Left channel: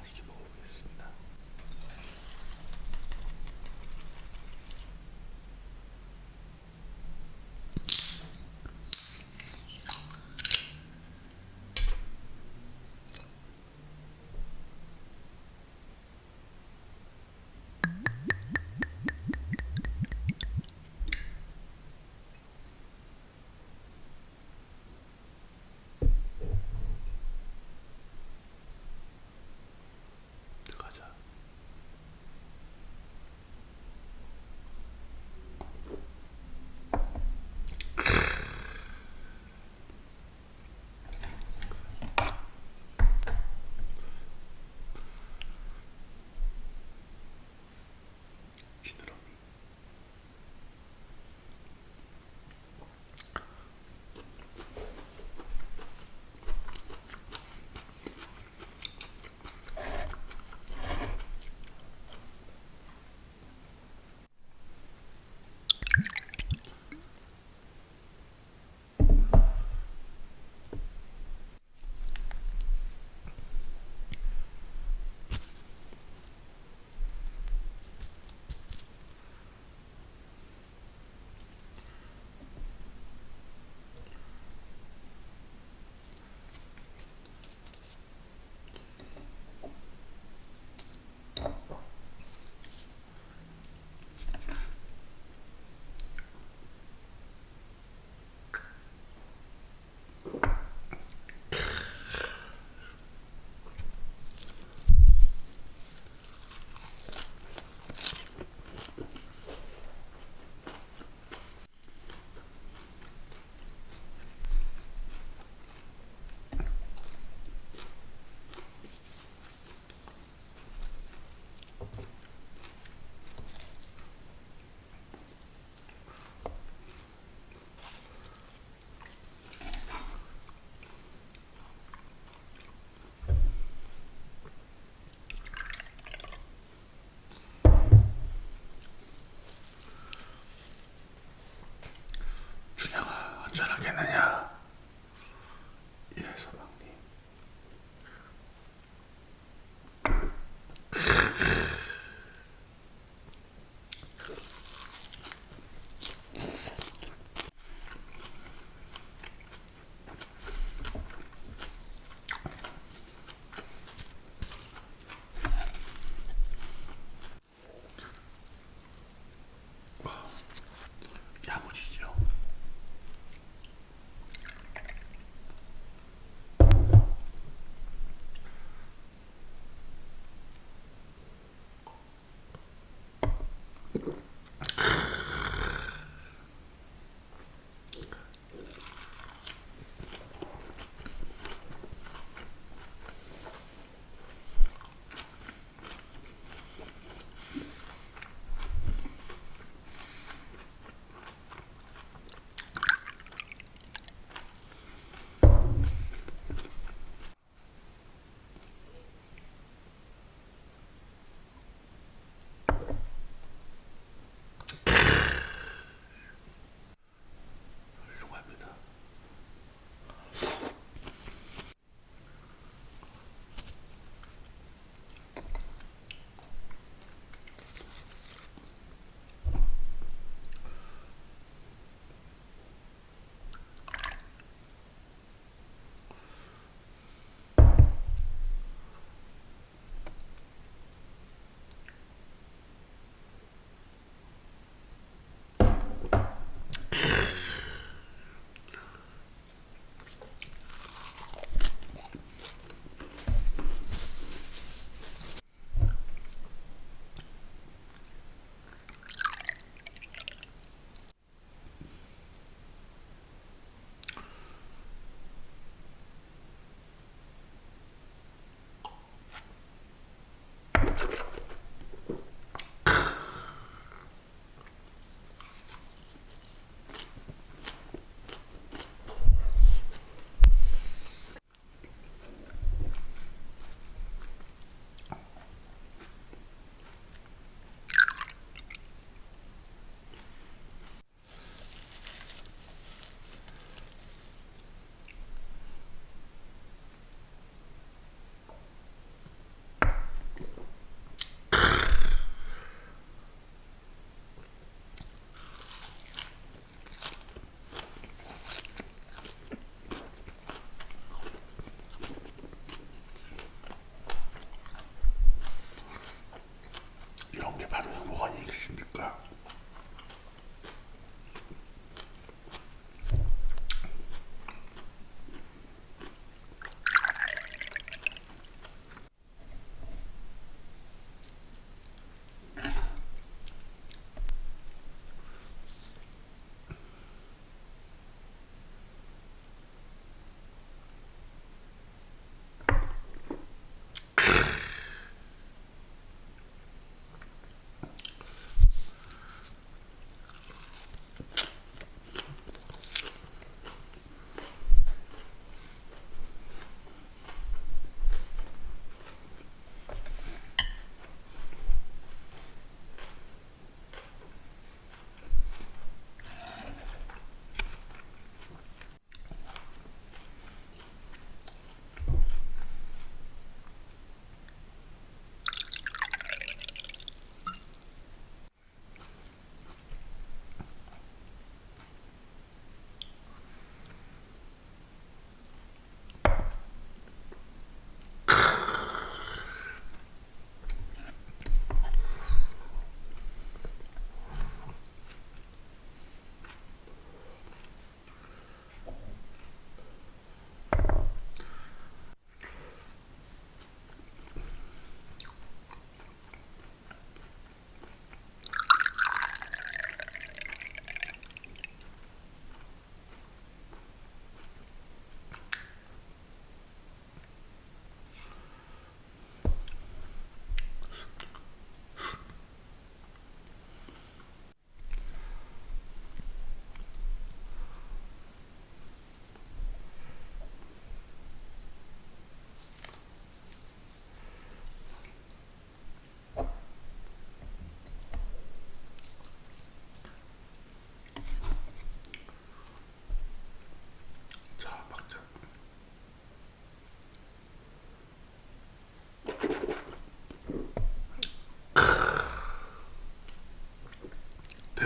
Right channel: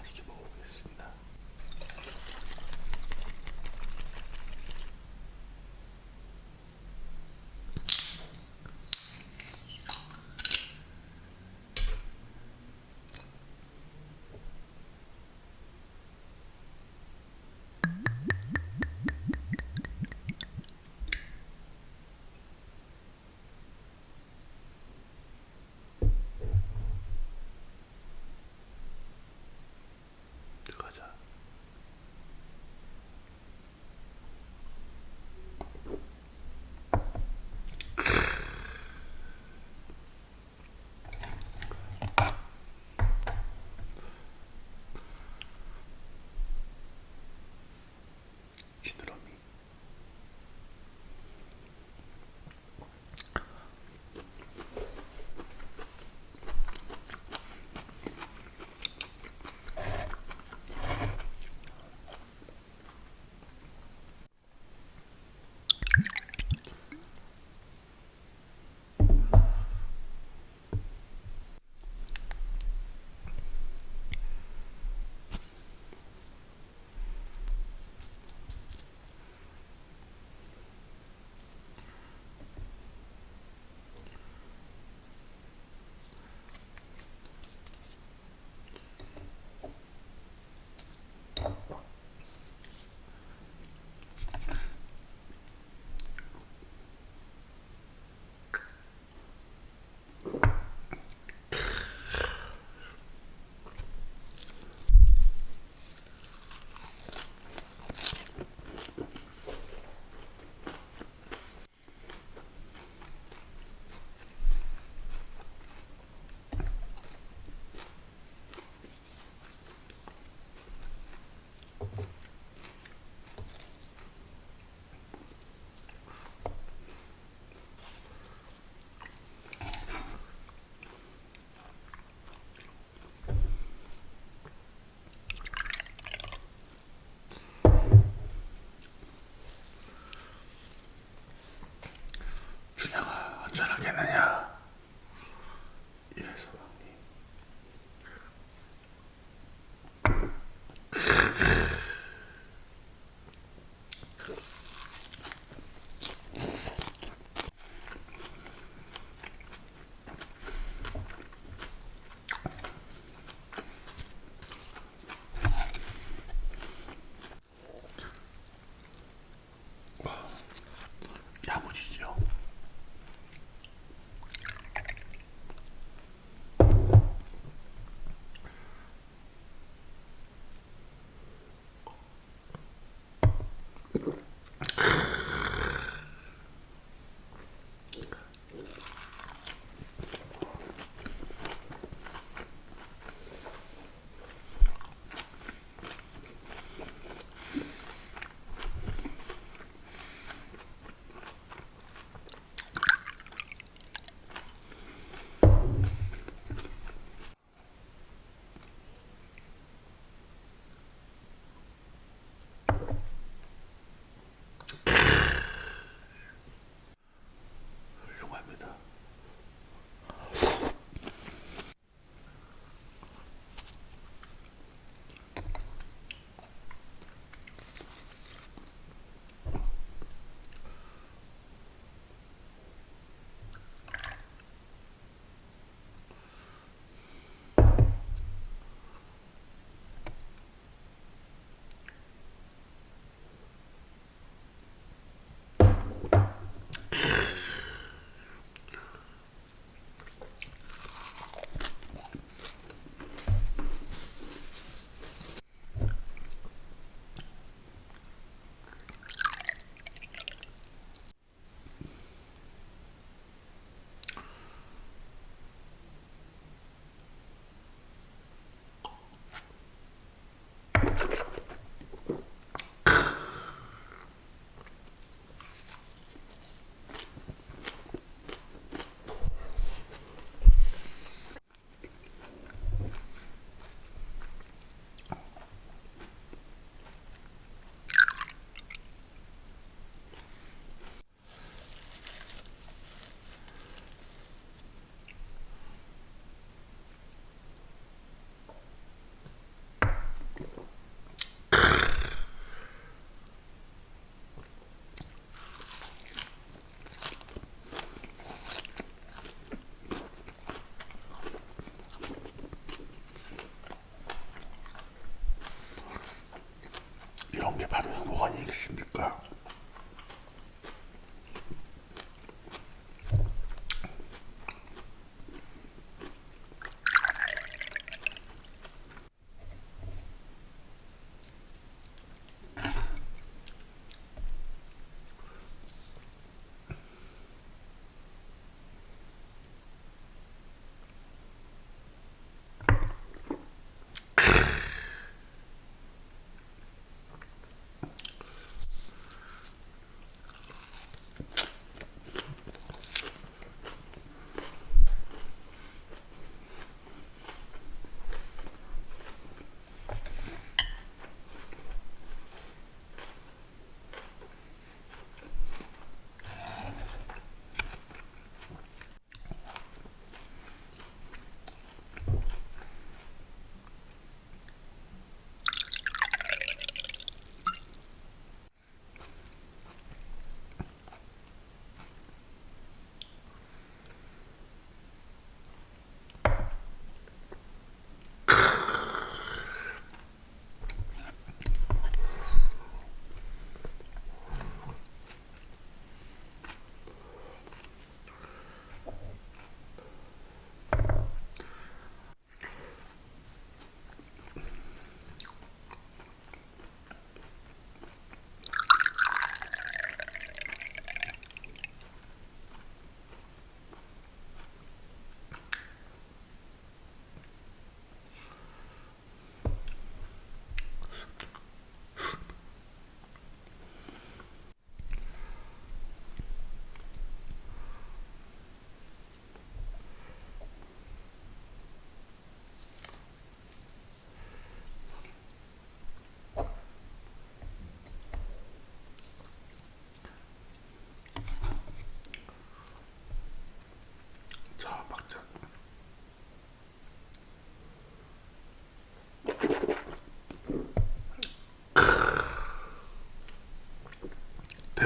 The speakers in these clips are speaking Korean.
맛있게 먹어보겠습니다.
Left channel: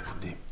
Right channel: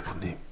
farkındayım.